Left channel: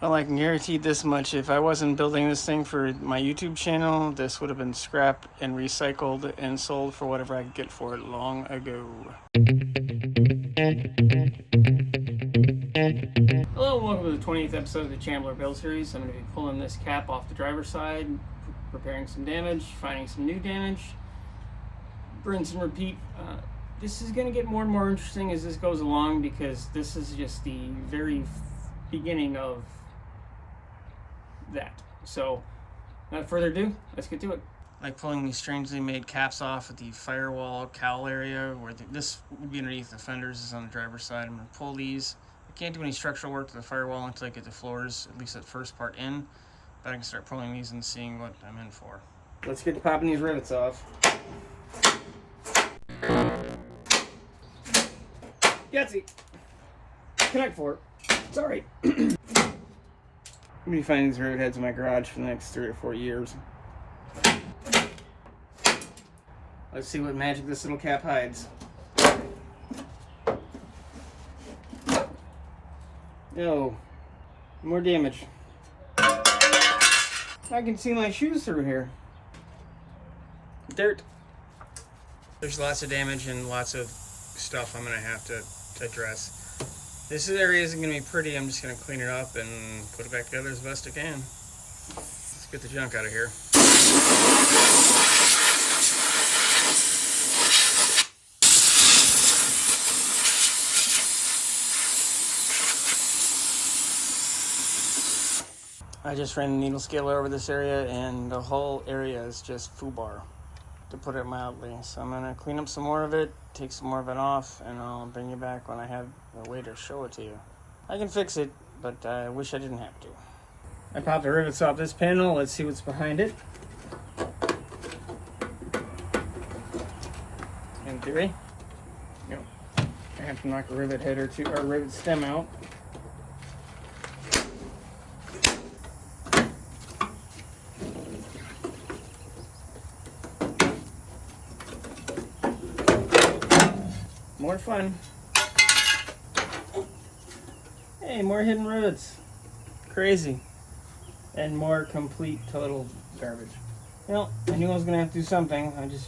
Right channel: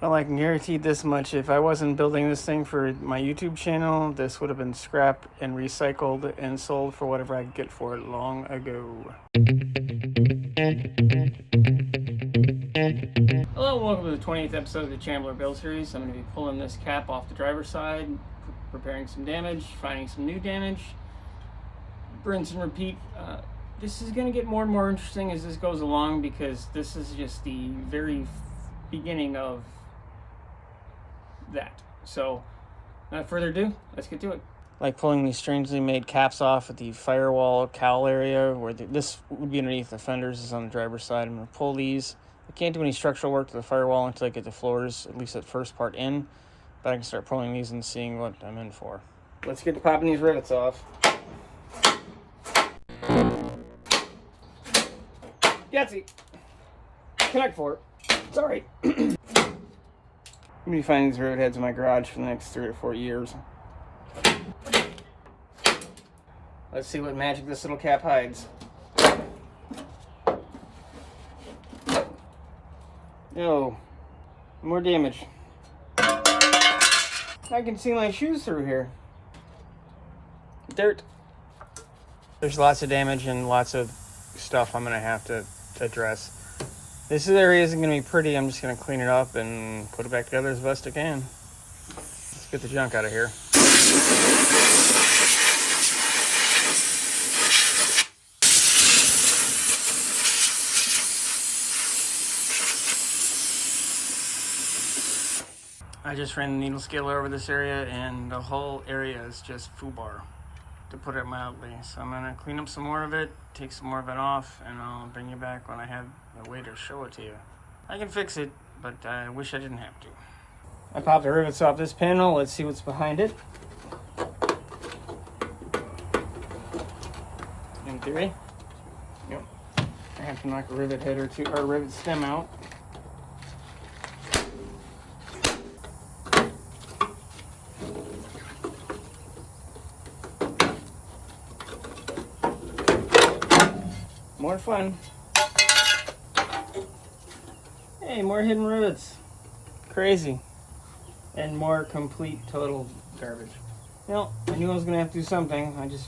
Well, I can guarantee this much. If I wasn't building this thing for my YouTube channel, this would have been scrapped and recycled and sold for whatever I could get for it long ago. Hello and welcome to the 20th episode of the Chambler build series. I'm going to be pulling this cap off the driver's side, repairing some damage, finding some new damage, rinse and repeat. This is going to get more and more interesting as this goes along, because this is just the very beginning of that. So without further ado, let's get to it. Like pulling these strangely made caps off at the Firewall Cowl area where this would be underneath the fenders, is on the driver's side. I'm going to pull these. I can't do any structural work to the firewall until I get the floors, at least that first part in, but I can start pulling these and seeing what I'm in for. Let's get to popping these rivets off. Yatsy! Connect for it. It's alright. I'm going to be finding these rivet heads in my garage for the next 3 or 4 years. Let's see what magic this little cap hides. No, more damage. I can see my shoes through here. Dirt. There's lots of damage and lots of stuff I'm going to have to address. This area isn't going to be pretty. I'm just going to clean it up and put it back together as best I can. Let's get the junk out of here. I just ran the needle scaler over this area, and the whole area is just foobar, to put it mildly. So I'm gonna clean up some more of it, take some more of it off, and I'll bring you back when I have a way to show it to you. I can fix it, but I wish I didn't have to. I popped the rivets off this panel. Let's see what's behind it. In theory, yep. I have to knock a rivet head or two, or a rivet stem out. More fun. Hey, more hidden rivets. Crazy. And more complete, total garbage. Well, I knew I was going to have to do something. I just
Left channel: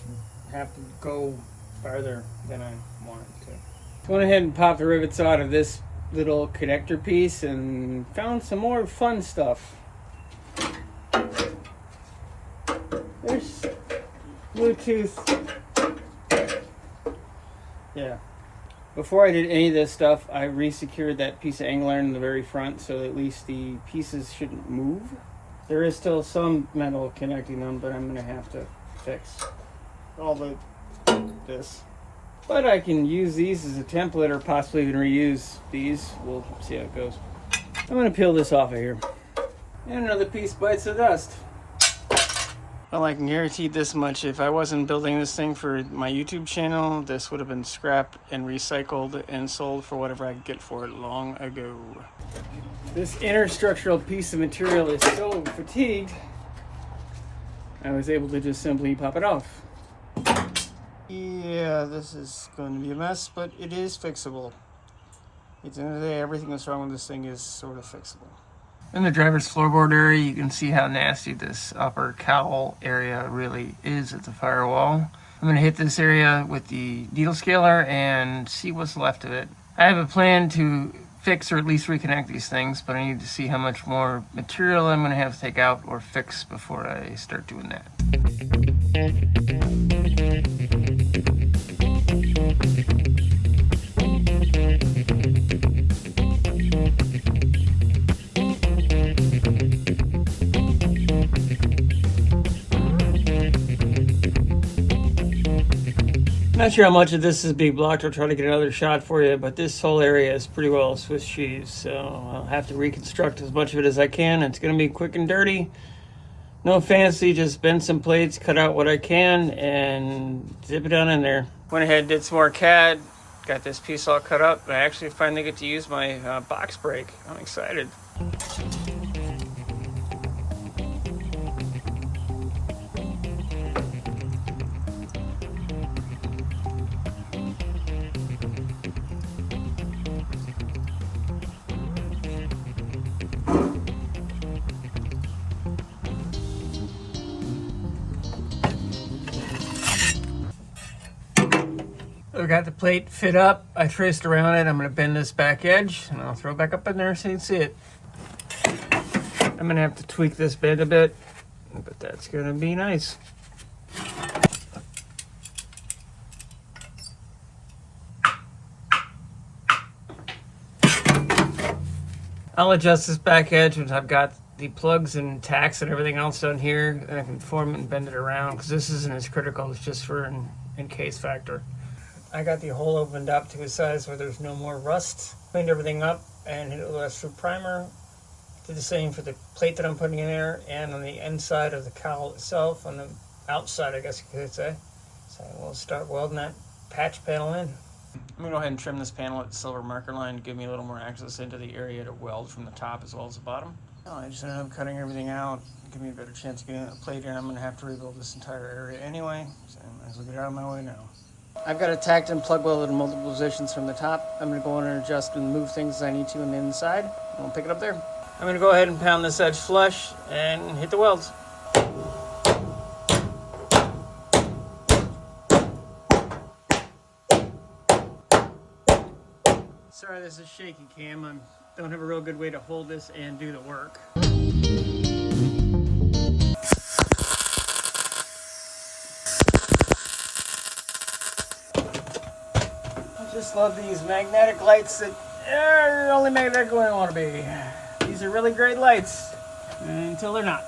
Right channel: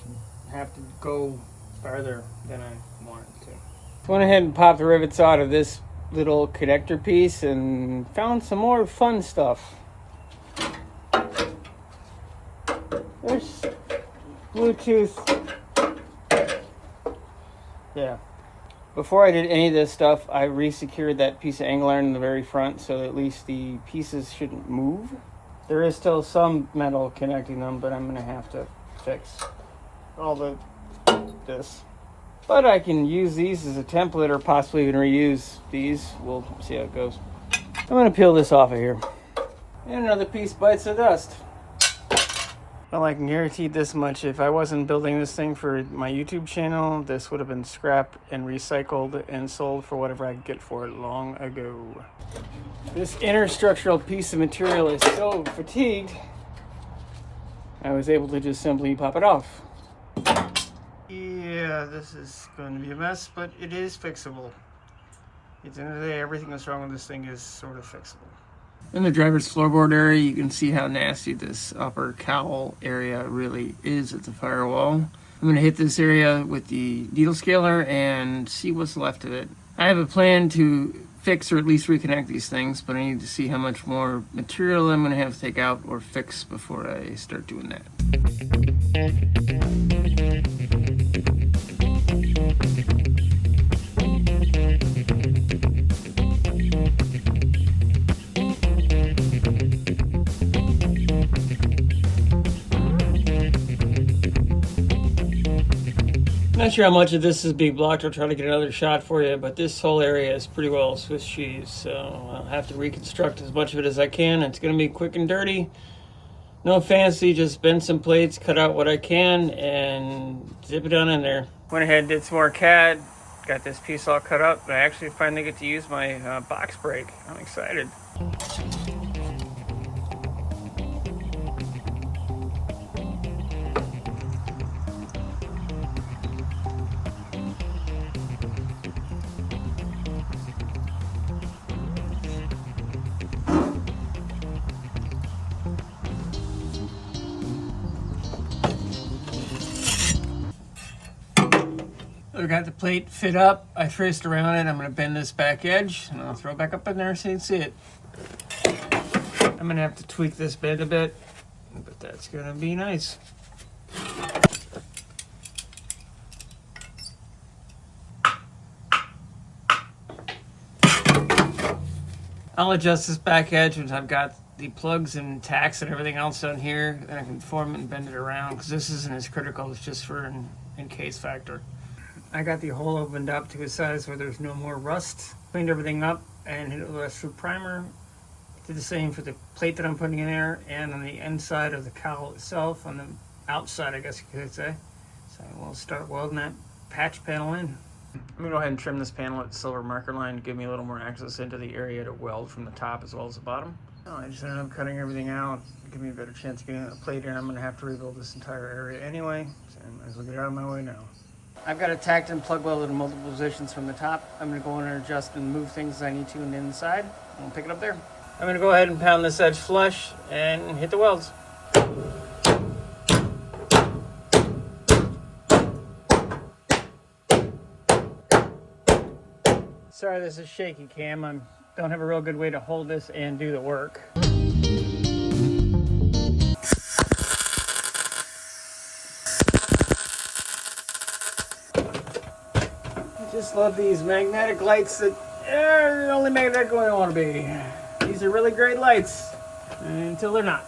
have to go farther than I wanted to. Went ahead and popped the rivets out of this little connector piece and found some more fun stuff. There's Bluetooth. Yeah. Before I did any of this stuff, I re-secured that piece of angle iron in the very front so that at least the pieces shouldn't move. There is still some metal connecting them, but I'm going to have to fix all this. But I can use these as a template, or possibly even reuse these. We'll see how it goes. I'm going to peel this off of here. And another piece bites the dust. Well, I can guarantee this much. If I wasn't building this thing for my YouTube channel, this would have been scrapped and recycled and sold for whatever I could get for it long ago. This inner structural piece of material is so fatigued, I was able to just simply pop it off. Yeah, this is going to be a mess, but it is fixable. At the end of the day, everything that's wrong with this thing is sort of fixable. In the driver's floorboard area, you can see how nasty this upper cowl area really is at the firewall. I'm going to hit this area with the needle scaler and see what's left of it. I have a plan to fix or at least reconnect these things, but I need to see how much more material I'm going to have to take out or fix before I start doing that. Not sure how much of this is being blocked. I'll try to get another shot for you, but this whole area is pretty well Swiss cheese, so I'll have to reconstruct as much of it as I can. It's going to be quick and dirty. No fancy, just bend some plates, cut out what I can, and zip it on in there. Went ahead and did some more CAD, got this piece all cut up. I actually finally get to use my box brake. I'm excited. plate fit up. I traced around it. I'm going to bend this back edge and I'll throw it back up in there so you can see it. I'm going to have to tweak this bend a bit, but that's going to be nice. I'll adjust this back edge once I've got the plugs and tacks and everything else done here. I can form it and bend it around because this isn't as critical. It's just for an in-case factor. I got the hole opened up to a size where there's no more rust. Cleaned everything up and hit it with a through primer. Did the same for the plate that I'm putting in there and on the inside of the cowl itself, on the outside I guess you could say. So we'll start welding that patch panel in. I'm going to go ahead and trim this panel with the silver marker line to give me a little more access into the area to weld from the top as well as the bottom. I just ended up cutting everything out, give me a better chance of getting that plate in. I'm going to have to rebuild this entire area anyway, so I might as well get out of my way now. I've got it tacked and plug welded in multiple positions from the top. I'm going to go in and adjust and move things as I need to on the inside. I'll pick it up there. I'm going to go ahead and pound this edge flush and hit the welds. Sorry, this is shaky cam. I don't have a real good way to hold this and do the work. I just love these magnetic lights that are the only magnetic one I want to be. These are really great lights until they're not.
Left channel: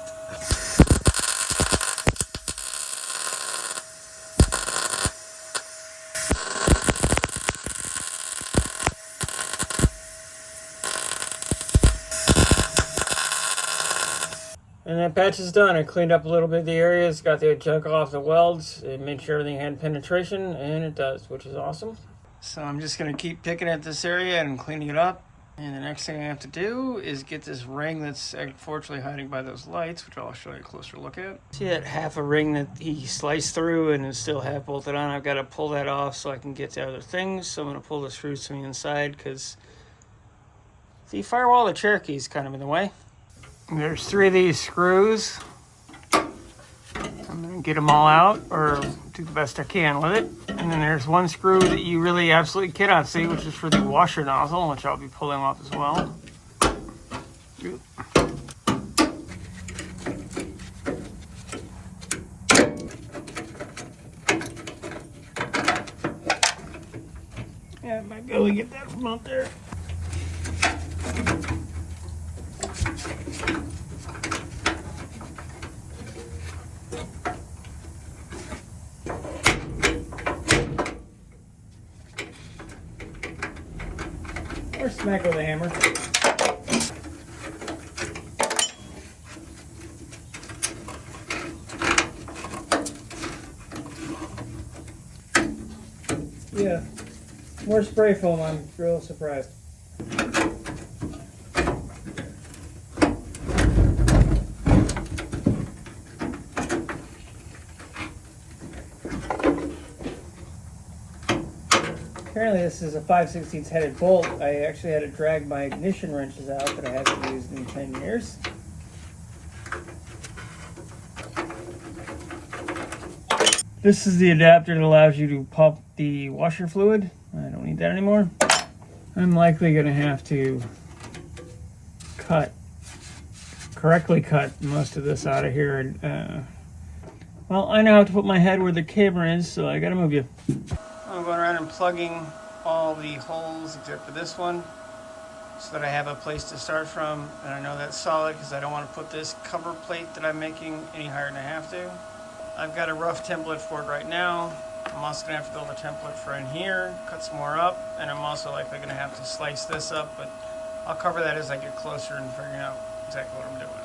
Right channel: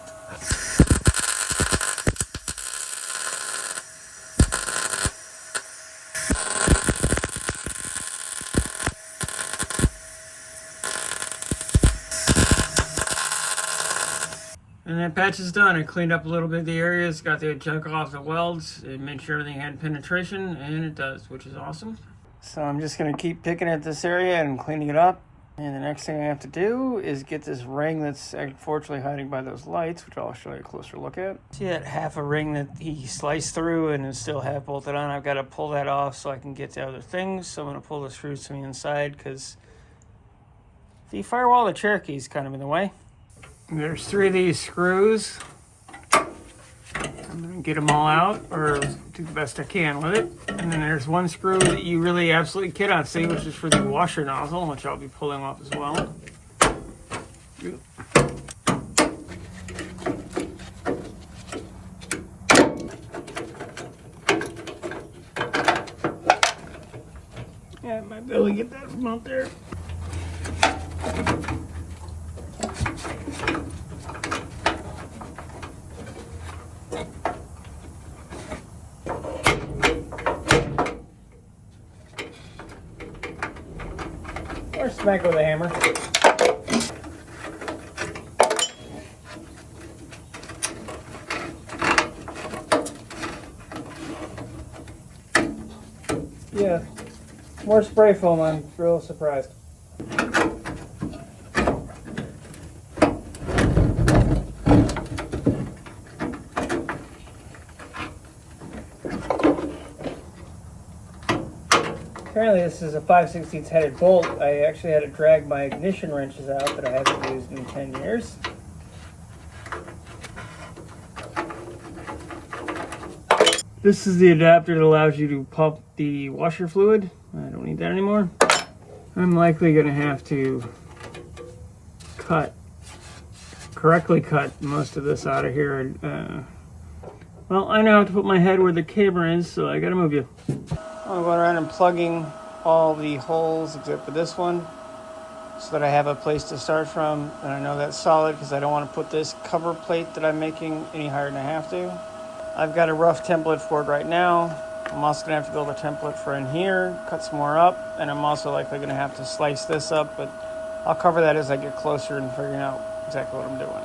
And that patch is done. I cleaned up a little bit of the areas, got the junk off the welds, it made sure everything had penetration, and it does, which is awesome. So I'm just going to keep picking at this area and cleaning it up. And the next thing I have to do is get this ring that's unfortunately hiding by those lights, which I'll show you a closer look at. See that half a ring that he sliced through and is still half bolted on? I've got to pull that off so I can get to other things. So I'm going to pull the screws from the inside because the Firewall of the Cherokee is kind of in the way. There's 3 of these screws. I'm going to get them all out, or do the best I can with it. And then there's 1 screw that you really absolutely cannot see, which is for the washer nozzle, which I'll be pulling off as well. Yeah, I might be able to get that from out there. Or smack with a hammer. Yeah, more spray foam. I'm real surprised. Apparently this is a 5/16 headed bolt. I actually had to drag my ignition wrenches out that I haven't used in 10 years. This is the adapter that allows you to pump the washer fluid. I don't need that anymore. I'm likely going to have to correctly cut most of this out of here. And, well, I know how to put my head where the camera is, so I got to move you. I'm going around and plugging all the holes except for this one so that I have a place to start from, and I know that's solid because I don't want to put this cover plate that I'm making any higher than I have to. I've got a rough template for it right now. I'm also going to have to build a template for in here, cut some more up, and I'm also likely going to have to slice this up, but I'll cover that as I get closer and figuring out exactly what I'm doing.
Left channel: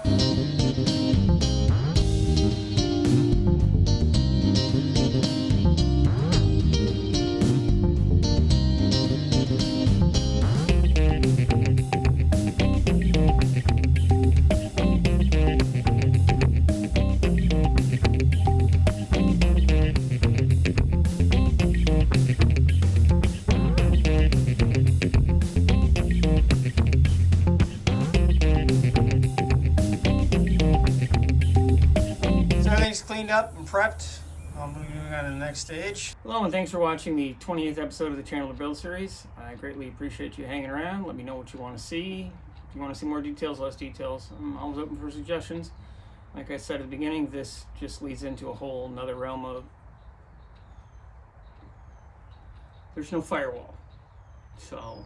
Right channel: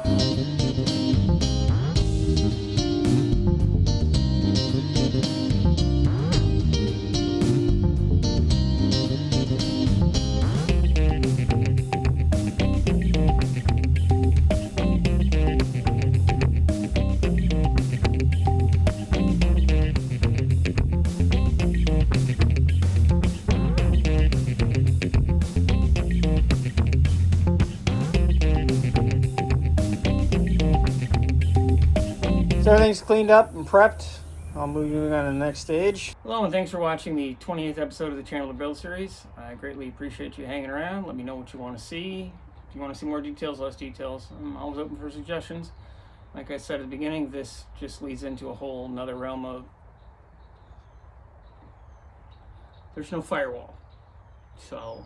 So everything's cleaned up and prepped. I'll move you on to the next stage. Hello, and thanks for watching the 28th episode of the Chambler build series. I greatly appreciate you hanging around. Let me know what you want to see. If you want to see more details, less details, I'm always open for suggestions. Like I said at the beginning, this just leads into a whole nother realm of there's no firewall. So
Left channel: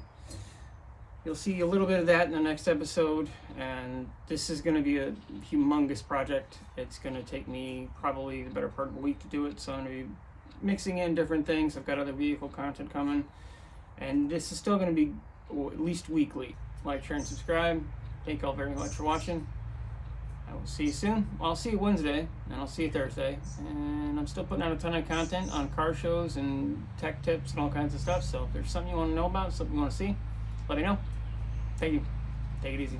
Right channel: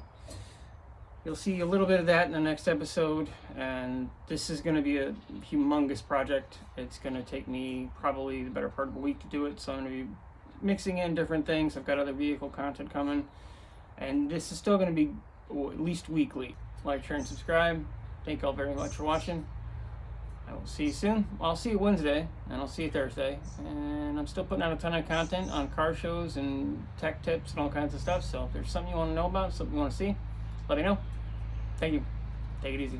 you'll see a little bit of that in the next episode, and this is going to be a humongous project. It's going to take me probably the better part of a week to do it, so I'm going to be mixing in different things. I've got other vehicle content coming, and this is still going to be at least weekly. Like, share, and subscribe. Thank you all very much for watching. I will see you soon. Well, I'll see you Wednesday, and I'll see you Thursday. And I'm still putting out a ton of content on car shows and tech tips and all kinds of stuff. So if there's something you want to know about, something you want to see, let me know. Thank you. Take it easy.